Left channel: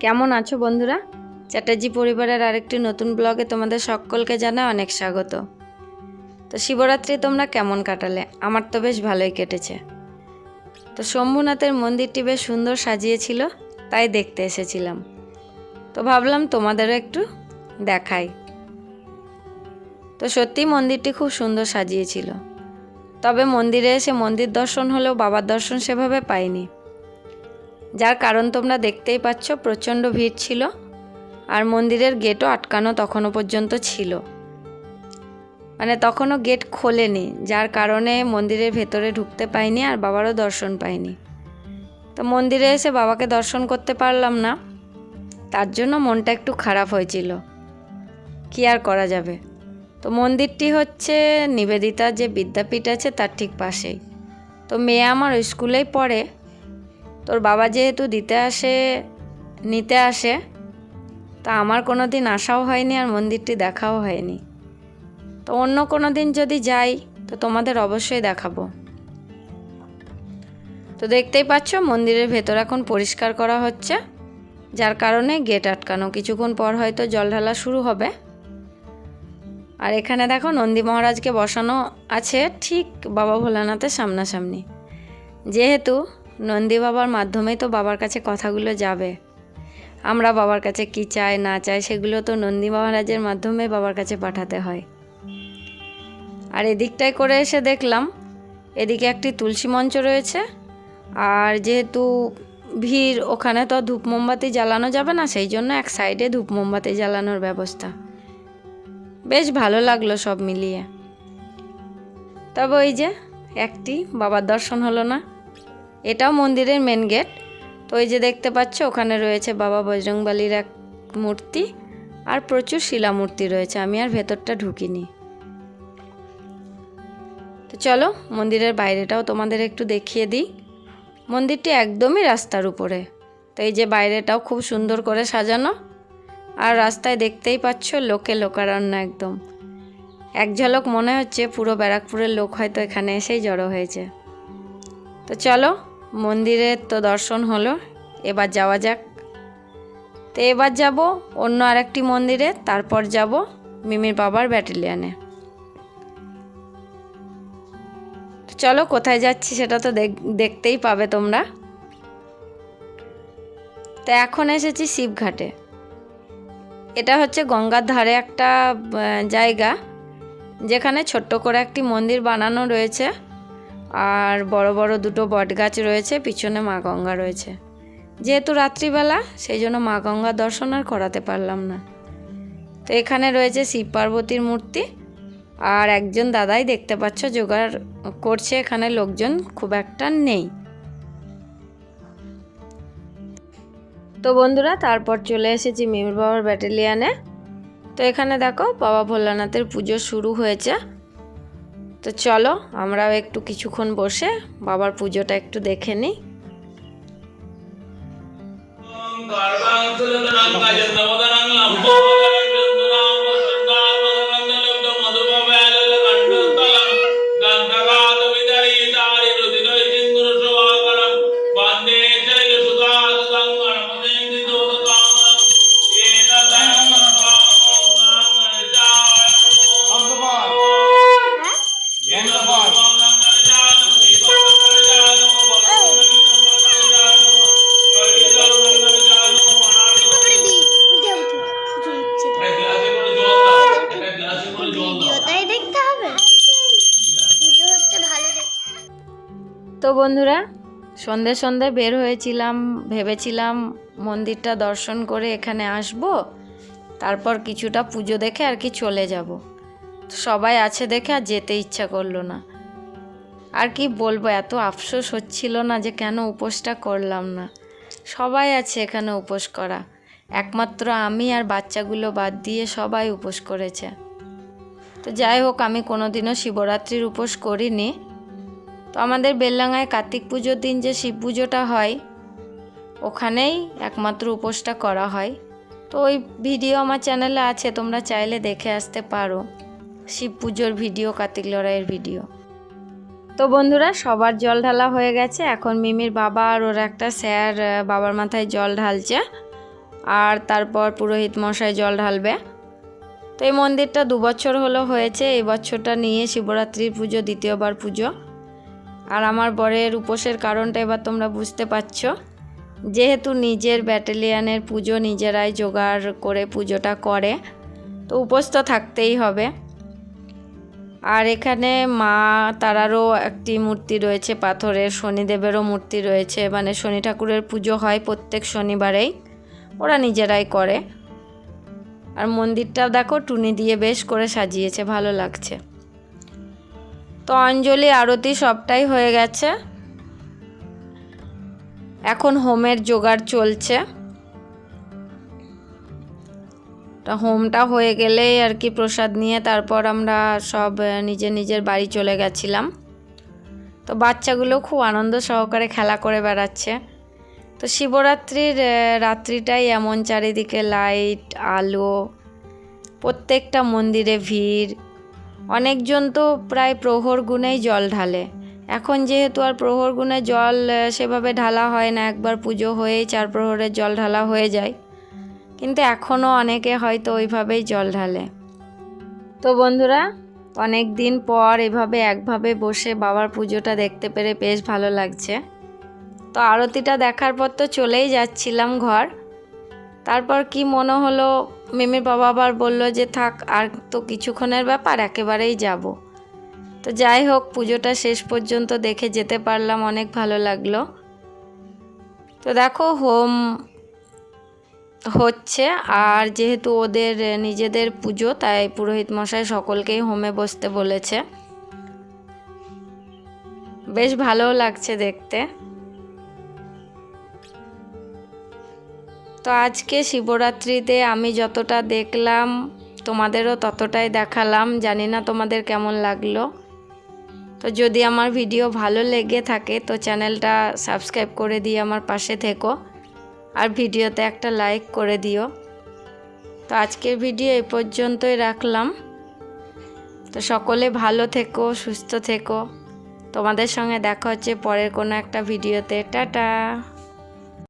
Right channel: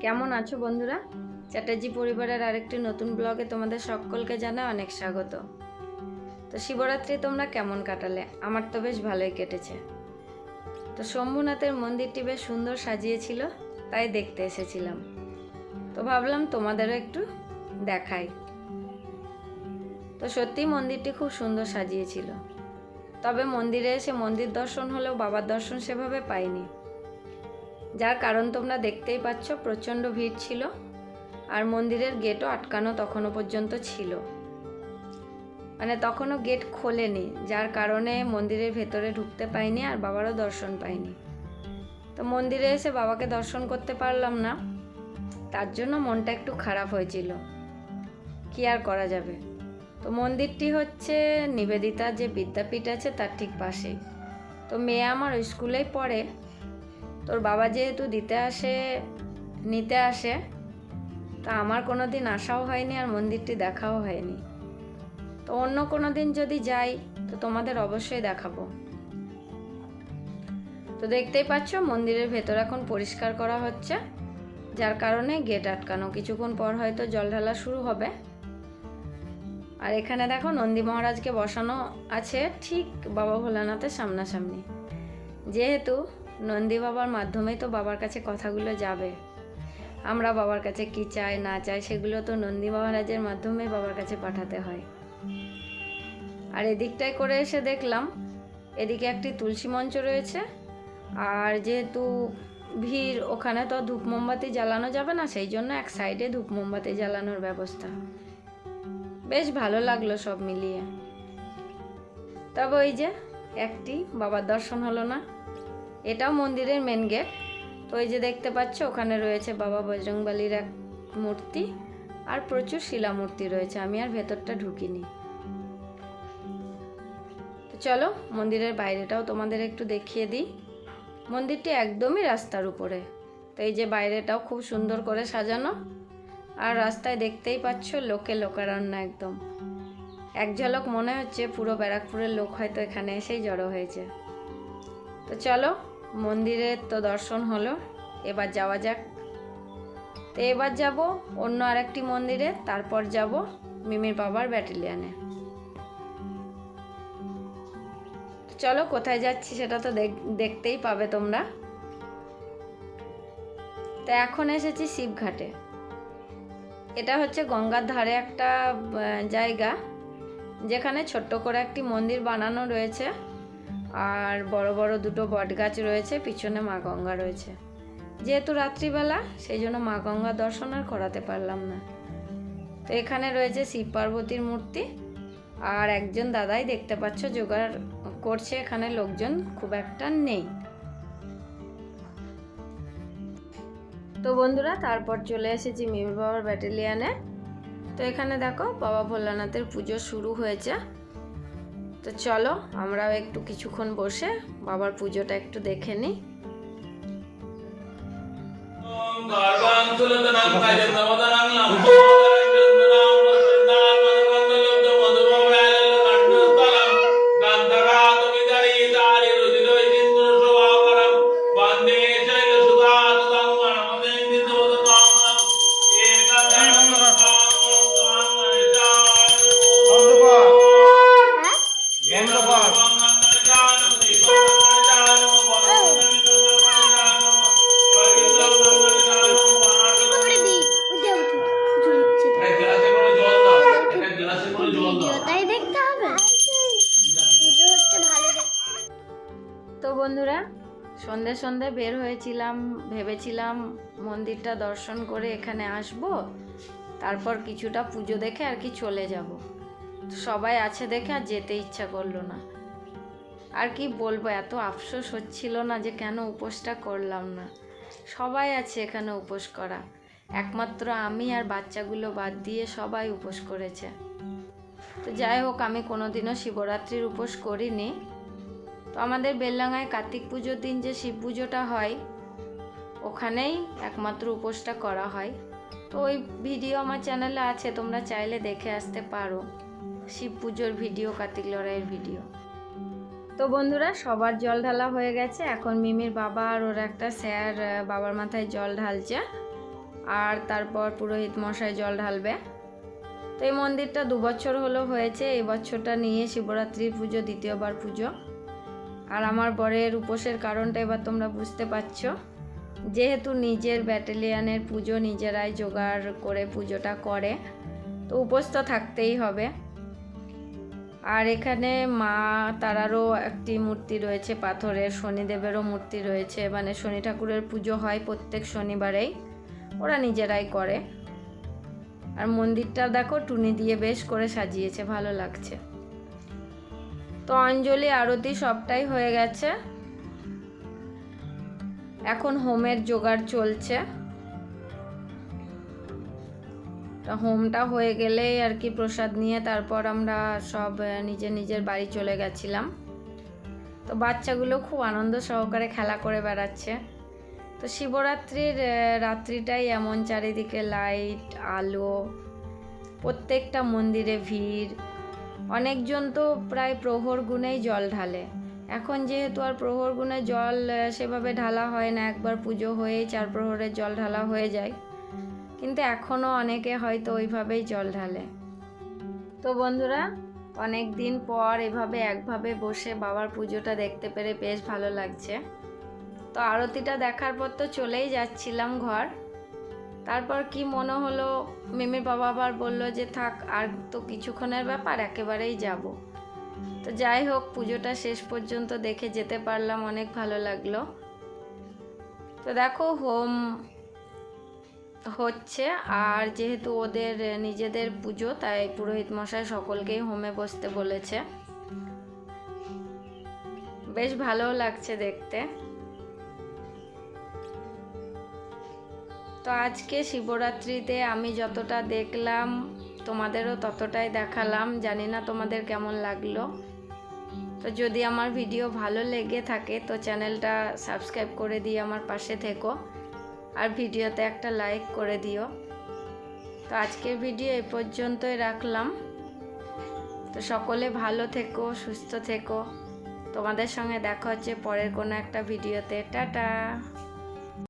কেমন আছো বন্ধুরা? চ্যাটার্জি পরিবারের আরেকটি নতুন ব্লগে তোমাদের সকলকে জানা অনেক স্বাগত। তো শিবরাত্রি তোমরা কেমন কাটালে? আমার তো বেশ ভালোই কেটেছে। তো শম্ভুনাথের মন্দিরটি বেশ সুন্দর সাজিয়েছিল, তাই দেখতে এসেছিলাম। তো ভাবলাম তোমাদেরও একটু দেখাই। তো সত্যি মন্দিরটি খুব সুন্দর সাজিয়েছিল। তবে মন্দিরে এসে মন্দির দর্শন হলেও বাবার দর্শন সেভাবে পাইনি। যার কারণ তোমরা দেখতেই পাচ্ছ প্রচণ্ড ভিড় ছিল আর মন্দিরের গেটও আটকানো তখনও পর্যন্ত ছিল। মানে তখনও গেট খোলেনি, যার কারণে মন্দিরের ভেতরে ঢুকতে পাইনি আর বাবারও দর্শন পাইনি। তো মন্দিরে এসে বাবাকে দর্শন করতে পারলাম না, তার জন্য মনটা একটু খারাপ হয়েছিল। কি আর করা যাবে? তো মন্দিরটি হচ্ছে নিবেদিতা যে বিদ্যাপীঠ আছে তার ঠিক পাশেই। তো মেয়ে আমার স্কুলেই পড়ে তোর বাবা যেহেতু দিতে আসে, নিতে আসে, তা আমার কোনো দিন আসাও হয়নি আর মন্দিরটি দেখাও হয়নি। তো অন্য কোনো দিন যদি যাই, তো তোমাদের অবশ্যই দেখাবো। তো দেখতেই পাচ্ছ, মন্দিরের ভেতর এখন পরিষ্কার করা হচ্ছে, যার কারণে গেট আটকানো। কিছুক্ষণ পর হয়তো জল ঢালা শুরু হবে। আর এখানে দেখো, নন্দী মহারাজকে বসানো আছে ঠিক বাবা ভোলানাথের সামনাসামনি। যেহেতু নন্দী বাবার মাধ্যমেই তো বাবার কাছে কথাগুলো যাবে। আমরা বাবার কাছে কি চাই, না চাই, সেগুলো তো নন্দী মহারাজের মাধ্যমে বাবার কাছে পাঠাতে হয়। আর এদিকটায় করে এসে দেখলাম, এদিকে একটি তুলসী মঞ্চ রয়েছে। আর যেহেতু ভিড়, ওখানে তো ধূপ মোমবাতি জ্বালানো যাবে না, সেই জন্য এক সাইডে ধূপ মোমবাতি জ্বালানোর ব্যবস্থা। বেশ ভালো লাগল সব মিলিয়ে। তবে ওই যে একটি বাবার দর্শন হলো না। এটাও মন্দিরের মেন গেট তো ওই যে দেখতে পাচ্ছ, ওখানে রয়েছে বাবা বজরংবালির এক মূর্তি আর প্রচুর শিলা মূর্তি রয়েছে। আমি আর ভেতরটা ঢুকিনি। তো চলো, মন্দিরের বাইরেটাও তোমাদের একটু দেখিয়ে দিই। মন্দিরটি একদমই রাস্তার উপরে। তো এই যে বাইরেটাও খুব সুন্দর করে সাজানো। আর রাস্তায় দেখতেই পাচ্ছ, লোকে লোকারণ্য একদম। এক ঝলক মনে হচ্ছে পুরো ব্যারাকপুরের লোক হয়তো এখানে এসেই জড়ো হয়েছে। তো চলো মন্দিরের তো দর্শন হলো, এবার যাওয়া যাক। তো এবার যাব অন্য আরেকটি মন্দিরে, তারপর যাব মিমির বাবার ব্যাটালিয়ানে। চলো, কোথায় যাচ্ছি সেটা তো দেখ- দেখতেই পাবে তোমরা। তো এখন এসেছি শিবঘাটে। এটা হচ্ছে গঙ্গার ধারে একটা জায়গা, যেখানে ছোট্ট করে একটি মন্দির বানানো রয়েছে। আর বড় বড় দুটো বটগাছ রয়েছে, পিছনে মা গঙ্গা রয়েছে। যেহেতু রাত্রিবেলা, সেই জন্য মা গঙ্গা দর্শন আর করাতে পারলাম না। তো এখানে রয়েছে শিব পার্বতীর মূর্তি, আর একজন দাদাই দেখতে পাচ্ছ, জোগাড় করছে এখানে লোকজন, খুব একটা নেই। তো বন্ধুরা, তারপর চলে এসেছি মিমির বাবার ব্যাটালিয়ানে। তো এখানে দেখো, বাবা ভোলানাথের পুজো শুরু হয়েছে। তো চলো আমরাও একটু কিছুক্ষণ বসে বাবার পুজোটা একটু দেখে নিই। তারপরে ভিডিওটাই দেখতে হবে। পুজো হচ্ছে ভালো তো বন্ধুরা সন্ধে সন্ধে বের হয়েছিলাম ভেবেছিলাম মন্দিরটা দর্শন করে এখানে আসব। তারপর কিছুটা পুজো দেখে আর কি চলে যাব। সবাই আছে দেখে আর যেতে ইচ্ছা করল না। আর কি বলব এত আফসোস হচ্ছিল না যে কেন উপোসটা করলাম না। সবাই আছে এখানে উপোস করা। একমাত্র আমি আর বাচ্চাগুলো বাদ দিয়ে সবাই উপোস করেছে। তো যাই হোক, আমি কোনোদিনও শিবরাত্রির উপোস করিনি। তো আমাদের বেললাঙায় কার্তিক পুজোর দিন যে শিব পুজোটা হয়, ওখানেই একমাত্র উপোসটা করা হয়। তো ওই ভিডিও আমার চ্যানেলে আছে, তোমরা চাইলে দেখে আসতে পারো। শিব পুজোর ভিডিও, কার্তিক লড়াইয়ের ভিডিও। তো বন্ধুরা, সবার জল ঢালা হয়ে গেছে। এখন মিমির বাবা আর ওর একটা স্যার বাবার মাথায় জল ঢালছে। আর তারপর পুরোহিত মশাই জল ঢালবে। তো এই মন্দিরটা দু বছর হলো হয়েছে, এই বছরটা নিয়ে শিবরাত্রির পুজো, দ্বিতীয়বার পুজো। আর আমার বরের উপোসের কারণটা এবার তোমরা বুঝতে পারছ। যেহেতু নিজের ব্যাটালিয়ানের পুজো নিজেরাই জোগাড় করে পুজোটা করে, তো উপোস তো থাকতেই হবে। আর এখানে মা তারারও একটি মূর্তি রয়েছে, পাথরের, শনিদেবেরও মূর্তি রয়েছে। মানে শনি ঠাকুরের পুজো হয় প্রত্যেক শনিবারেই। ওরা নিজেরাই করে। আর মন্দিরটা দেখো, টুনি দিয়ে বেশ করে সাজিয়েছে, ভালো লাগছে। তো অঞ্জলি, আরতি সবটাই হয়ে গেছে। এখন হোমের জোগাড় চলছে। তা হোমটা হয়ে গেলেই আর কি প্রসাদ নিয়ে তারপর আমরা সব নিজের নিজের বাড়ি চলে গেছিলাম। তো বাচ্চাগুলো খুব আনন্দ সহকারে খেলা করে বেড়াচ্ছে। তো শিবরাত্রির রাত্রিটাই এমন চারিদিকে লাইট আলো, প্রত্যেকটা মন্দিরে ভিড়। অনেকজন তো প্রায় প্রহর গুণেই জল ঢালে। এখন যেহেতু আর প্রহর গুণে জল সেভাবে ঢালা হয় না, একবার পুজো হয়েই চার প্রহরের জল ঢালা হয়ে যায়। কিন্তু এখনও অনেকে হয়তো ওইভাবেই জল ঢালে। তো বন্ধুরা অনেক দিন পর এভাবে একভাবে বসে বাবার পুজোটা দেখতে পেরে বেশ ভালো লাগছে। তো আরতিটা দেখার পর তো চলেই যাচ্ছিলাম ঘর। তারপর কি মনে হলো, মিমির বাবা আবার বলল যে থাক, আর তো কিছুক্ষণের ব্যাপার, একেবারেই যাব। তো যাই হোক, পুজোটা শেষ পর্যন্ত দেখে যেতে পারলাম, অনেক ভালো লাগল। তো দেখো, হোম হচ্ছে, আর যেহেতু ওদের, নিজেদের পুজো, তাই পুরোহিত মশাই সকলকেই হোমে বসতে বলেছে। বেশ ভালোও লাগছে দেখতে। তো আজকে শিবরাত্রিতে আমি যতটা দেখলাম, তোমাদেরও ততটাই দেখালাম। জানি না তোমাদের কেমন লাগল। তো যদি আমার ভিডিও ভালো লেগে থাকে, তো চ্যানেলটা সাবস্ক্রাইব করে দিয়ে আমার পাশে থেকো। আর ভিডিওতে একটা লাইক করে দিও। তো আজকের ভিডিও এ পর্যন্তই রাখলাম। তো সকলে ভালো থেকো, সুস্থ থেকো। তোমাদের সঙ্গে দেখা হচ্ছে পরের কোনো একটা ভিডিওতে। টাটা!